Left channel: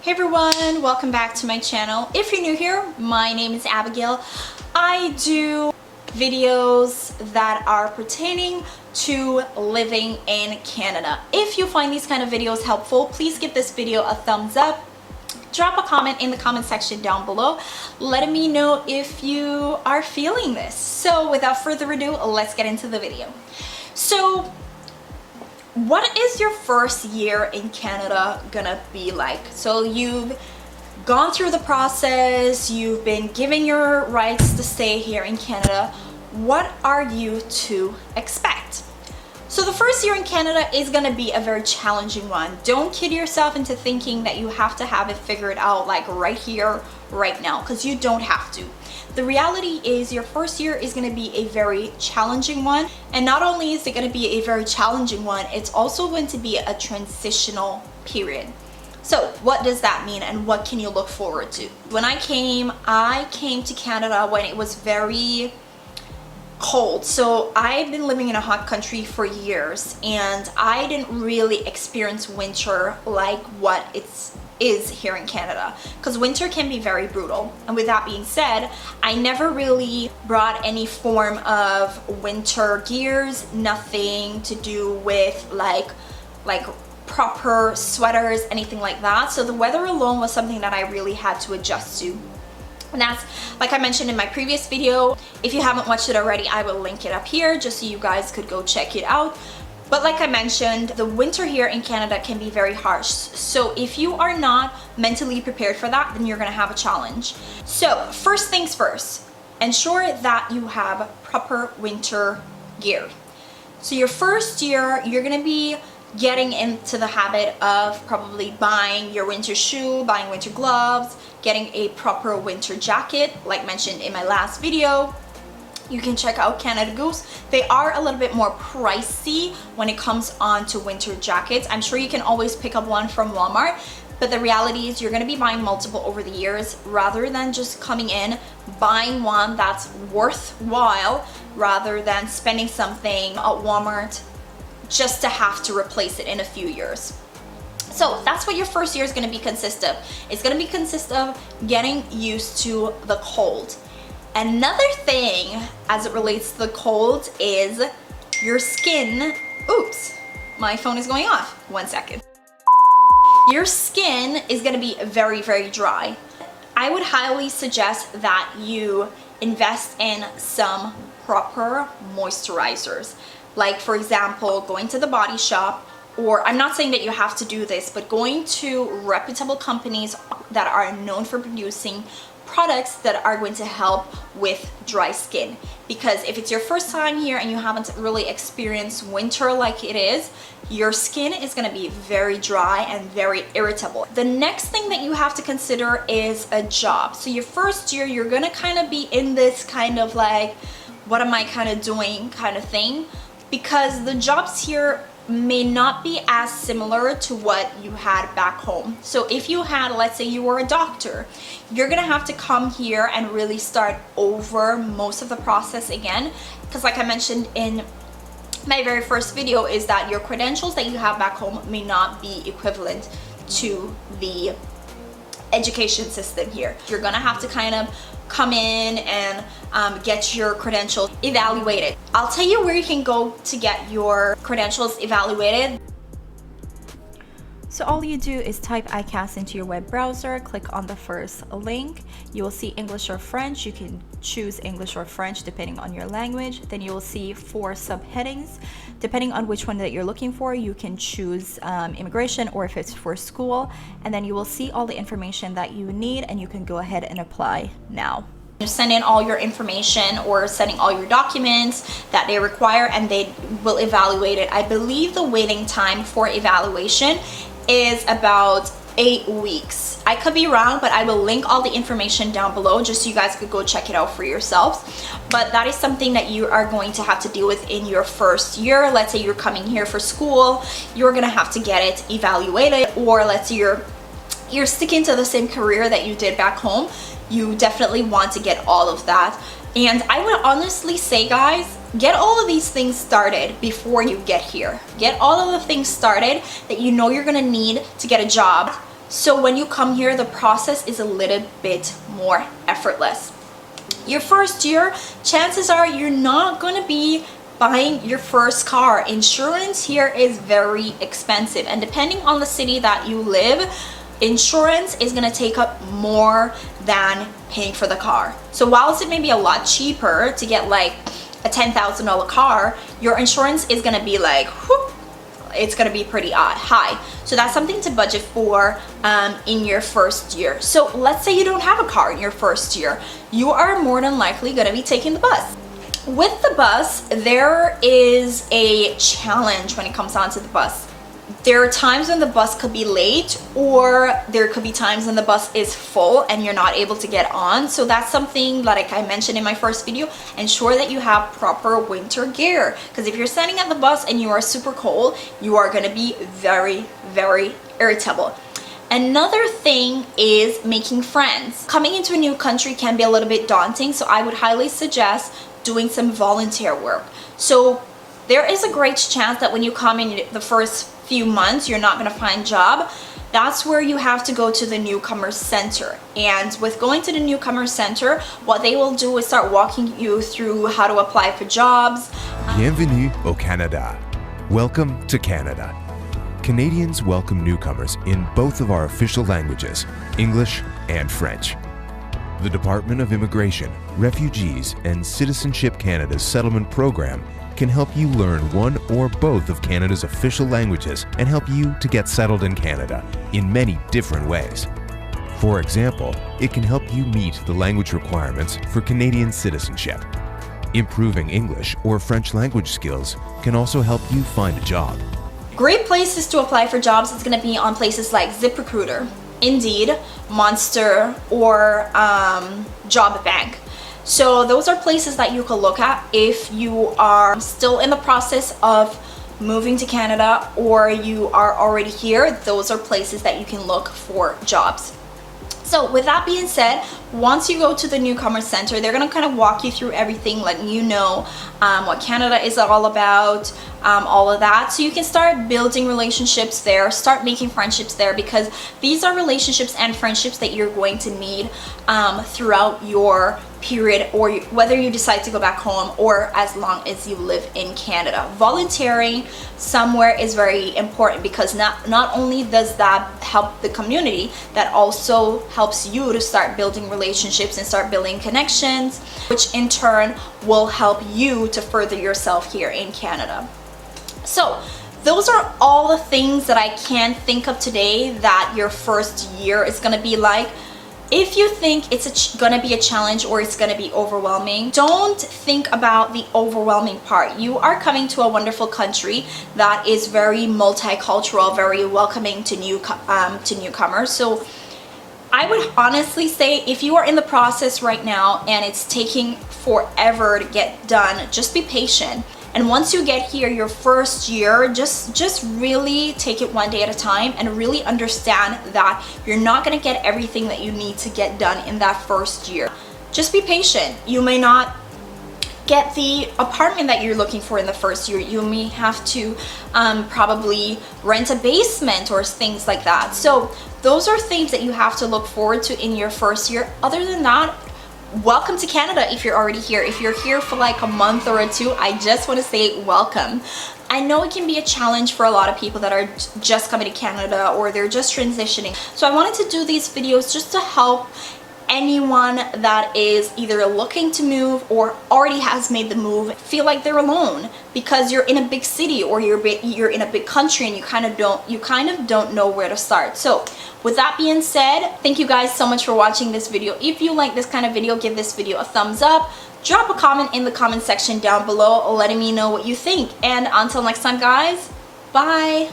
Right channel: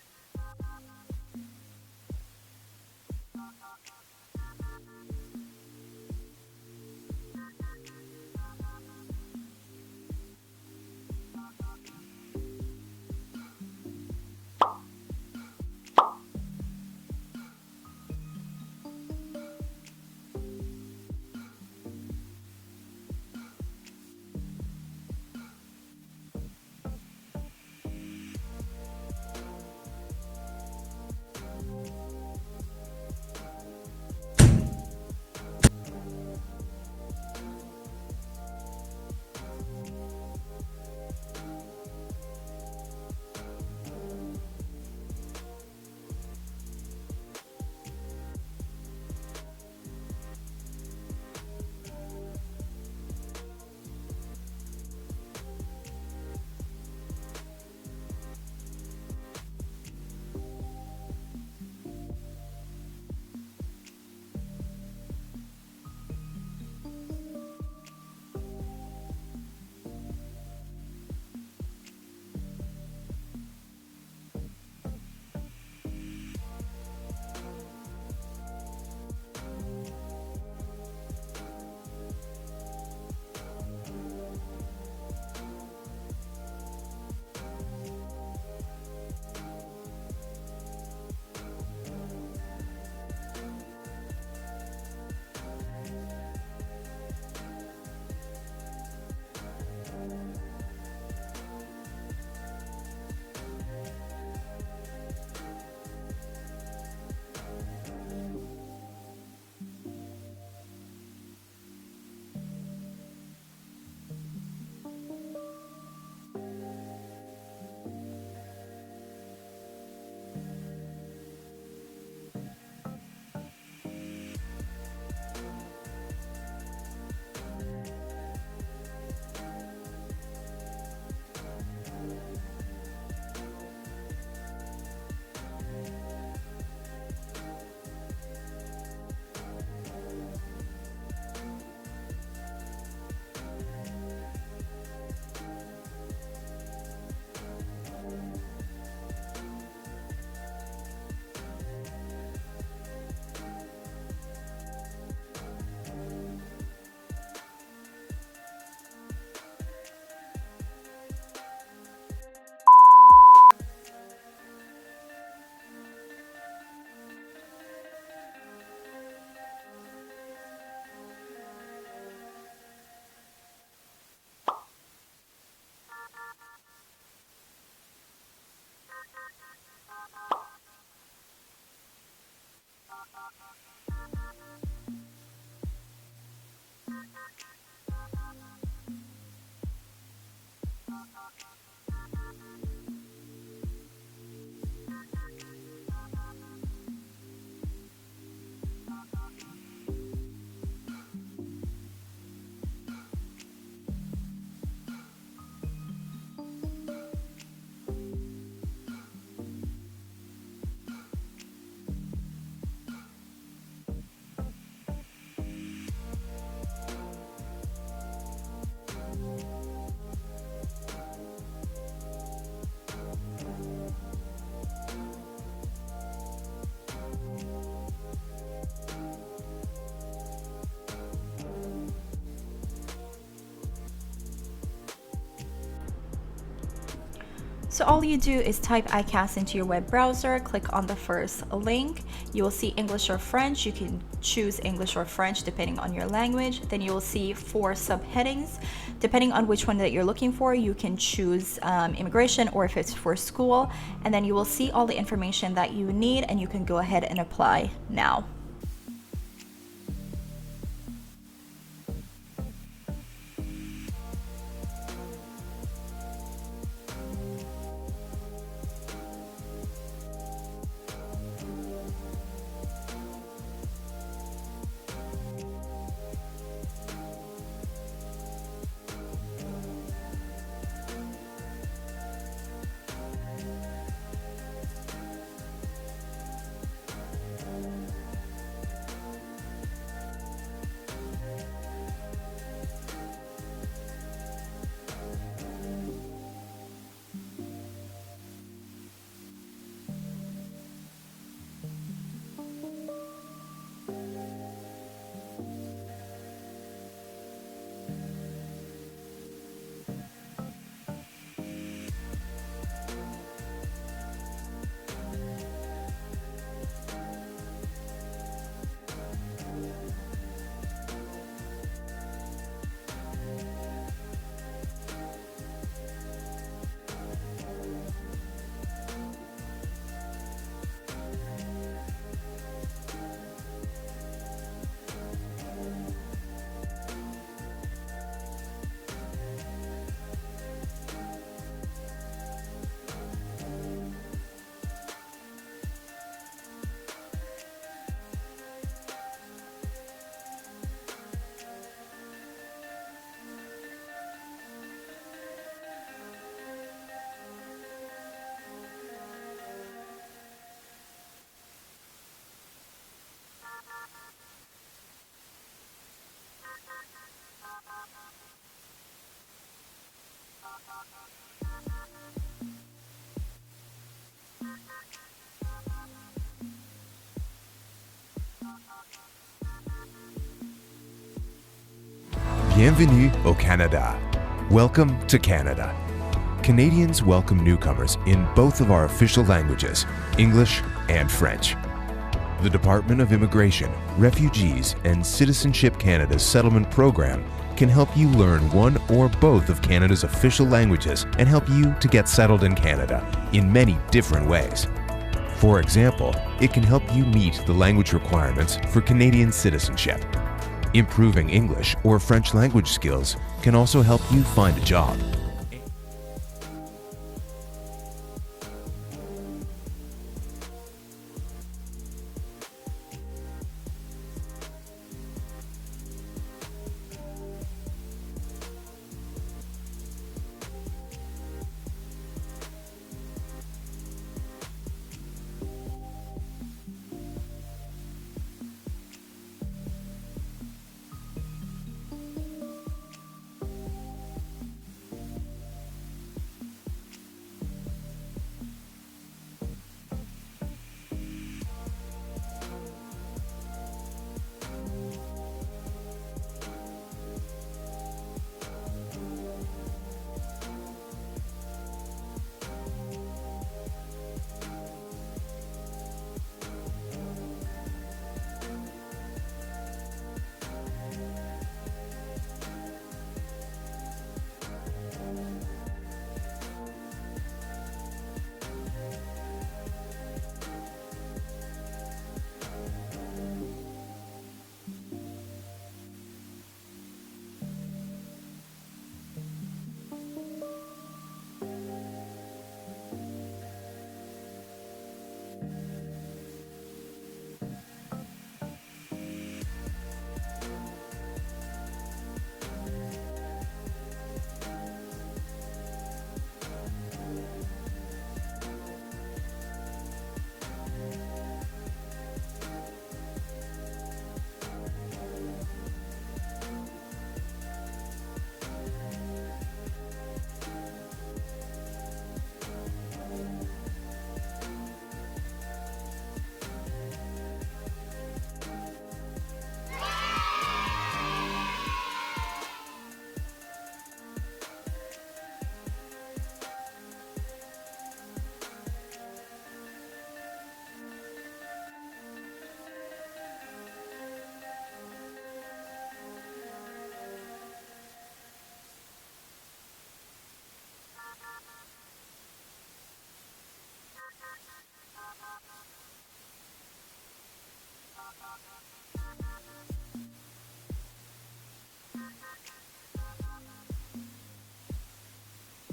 Hey everyone, welcome back to my channel. If you're new here, my name is Abigail. I do videos that are pertaining to living in Canada. If you find these kind of videos helpful, please give this video a thumbs up. Drop a comment in the comment section down below, letting me know if you are feeling this. So without further ado, let's get into the video. So what is your first year in Canada gonna be like? So you've gone through the process, you've been given your rights to stay here in Canada. What are you to expect? So the first year in Canada is gonna be a very challenging one. Don't kid yourself into thinking that you have to have it figured out like right here, right now, because you don't have to. The reality is your first year is going to be a very challenging one, and not only is it going to be a very challenging one, it's also going to be a transitional period. So what does that mean and what can you look forward to? When I came to Canada when it was very cold. So I've been living in a hot country for years and I didn't really experience winter like what it is here in Canada, because winter can be very brutal. And with that being said, I never really brought any form of winter gears, nothing to do with like proper sweaters, anything like that. So the weather alone was something that I really had to adjust to. And that's, like I mentioned in my previous video, if you haven't watched it already, I will link it up here just so you guys could go check it out. But like I mentioned, the winter here in Canada can be very harsh. So if you are not mentally prepared for that, then you're gonna have a challenge. So first things first, ensure that you have proper winter gear. So your first year, you're gonna be getting into the habit of probably buying your winter shoe, buying winter gloves, getting a proper winter jacket, like mentioned in my last video. You can check out Canada Goose. They are a little bit more pricey when it comes on to winter jackets. I'm sure you can always pick up one from Walmart, but the reality is you're gonna be buying multiple over the years rather than just coming in, buying one that's worthwhile rather than spending something at Walmart just to have to replace it in a few years. So that's what your first year is gonna be consist of. It's gonna be consist of getting used to the cold. Another thing as it relates to the cold is your skin. Oops, my phone is going off. 1 second. Your skin is gonna be very, very dry. I would highly suggest that you invest in some proper moisturizers. Like for example, going to the Body Shop, or I'm not saying that you have to do this, but going to reputable companies that are known for producing products that are going to help with dry skin. Because if it's your first time here and you haven't really experienced winter like it is, your skin is going to be very dry and very irritable. The next thing that you have to consider is a job. So your first year, you're going to kind of be in this kind of like, what am I kind of doing kind of thing, because the jobs here may not be as similar to what you had back home. So if you had, let's say you were a doctor, you're gonna have to come here and really start over most of the process again, because like I mentioned in my very first video, is that your credentials that you have back home may not be equivalent to the education system here. You're gonna have to kind of come in and get your credentials evaluated. I'll tell you where you can go to get your credentials evaluated. So all you do is type ICAS into your web browser, click on the first link. You will see English or French. You can choose English or French depending on your language. Then you will see 4 subheadings. Depending on which one that you're looking for, you can choose immigration or if it's for school. And then you will see all the information that you need and you can go ahead and apply now. You send in all your information or sending all your documents that they require and they will evaluate it. I believe the waiting time for evaluation is about 8 weeks. I could be wrong, but I will link all the information down below just so you guys could go check it out for yourselves. But that is something that you are going to have to deal with in your first year. Let's say you're coming here for school, you're gonna have to get it evaluated, or let's say you're sticking to the same career that you did back home. You definitely want to get all of that And I would honestly say, guys, get all of these things started before you get here. Get all of the things started that you know you're gonna need to get a job. So when you come here, the process is a little bit more effortless. Your first year, chances are you're not gonna be buying your first car. Insurance here is very expensive, and depending on the city that you live, insurance is gonna take up more than paying for the car. So whilst it may be a lot cheaper to get like a $10,000 car, your insurance is gonna be like, whoop, it's gonna be pretty high. So that's something to budget for in your first year. So let's say you don't have a car in your first year. You are more than likely gonna be taking the bus. With the bus, there is a challenge when it comes down to the bus. There are times when the bus could be late, or there could be times when the bus is full and you're not able to get on. So that's something like I mentioned in my first video. Ensure that you have proper winter gear, because if you're standing at the bus and you are super cold, you are going to be very, very irritable. Another thing is making friends. Coming into a new country can be a little bit daunting, so I would highly suggest doing some volunteer work. So there is a great chance that when you come in the first few months, you're not going to find a job. That's where you have to go to the newcomer center. And with going to the newcomer center, what they will do is start walking you through how to apply for jobs. Bienvenue au Canada. Welcome to Canada. Canadians welcome newcomers in both of our official languages, English and French. The Department of Immigration, Refugees, and Citizenship Canada's settlement program can help you learn one or both of Canada's official languages and help you to get settled in Canada in many different ways. For example, it can help you meet the language requirements for Canadian citizenship. Improving English or French language skills can also help you find a job. Great places to apply for jobs is going to be on places like ZipRecruiter, Indeed, Monster, or Job Bank. So those are places that you could look at if you are still in the process of moving to Canada or you are already here. Those are places that you can look for jobs. So with that being said, once you go to the newcomer center, they're gonna kind of walk you through everything, letting you know what Canada is all about, all of that. So you can start building relationships there, start making friendships there, because these are relationships and friendships that you're going to need throughout your period, or whether you decide to go back home or as long as you live in Canada. Volunteering somewhere is very important, because not only does that help the community, that also helps you to start building relationships and start building connections, which in turn will help you to further yourself here in Canada. So those are all the things that I can think of today that your first year is going to be like. If you think it's gonna be a challenge or it's gonna be overwhelming, don't think about the overwhelming part. You are coming to a wonderful country that is very multicultural, very welcoming to newcomers. So I would honestly say, if you are in the process right now and it's taking forever to get done, just be patient. And once you get here, your first year, just really take it one day at a time and really understand that you're not gonna get everything that you need to get done in that first year. Just be patient. You may not get the apartment that you're looking for in the first year. You may have to probably rent a basement or things like that. So those are things that you have to look forward to in your first year. Other than that, welcome to Canada if you're already here. If you're here for like a month or two, I just want to say welcome. I know it can be a challenge for a lot of people that are just coming to Canada or they're just transitioning. So I wanted to do these videos just to help anyone that is either looking to move or already has made the move feel like they're alone, because you're in a big city or you're in a big country and you kind of don't know where to start. So with that being said, thank you guys so much for watching this video. If you like this kind of video, give this video a thumbs up. Drop a comment in the comment section down below letting me know what you think. And until next time, guys, bye.